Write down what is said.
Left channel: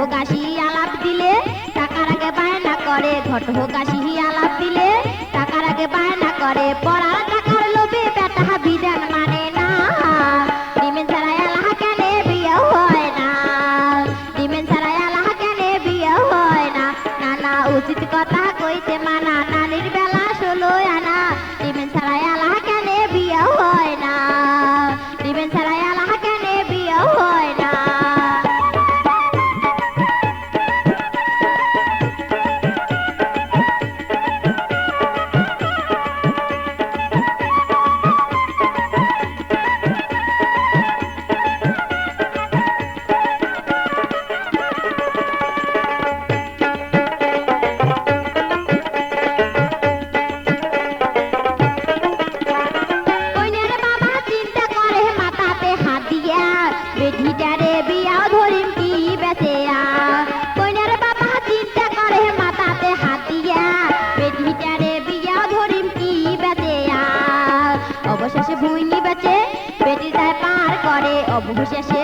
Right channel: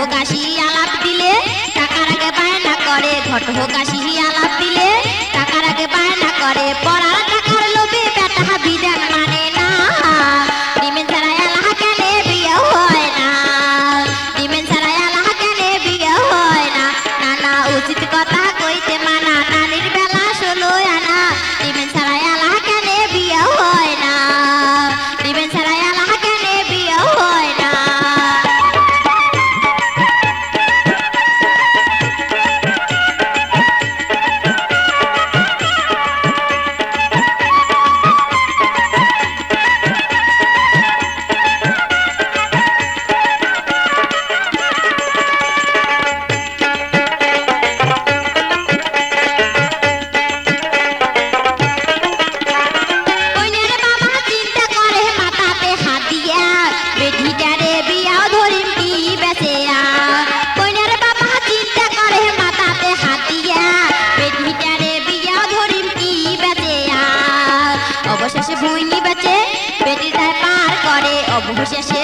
ঘটকাশি আলাপ দিলে টাকার আগে বায়না করে, ঘটকাশি আলাপ দিলে টাকার আগে বায়না করে। পড়ার টাকার লোভে বেটা বিধান মানে না, ডিমেন ছাড়া আল্লাহ কেন বিয়ে হয় না, ডিমেন ছাড়া আল্লাহ কেন বিয়ে হয় না। নানা উচিত কথা কইতে মানা, নানির বেলা 16 আনা, ডিমেন ছাড়া আল্লাহ কেন বিয়ে হয় না, ডিমেন ছাড়া আল্লাহ কেন বিয়ে হয় না। বেটিটারে বিয়াও ধরিম কি বেচেয়া, কইনার বাবা চিন্তা করে মাথাতে হাত দিয়া, বেটিটারে বিয়াও ধরিম কি বেচেয়া। অবশেষে ভুইনি বেচে বেটিটার পার করে, অবশেষে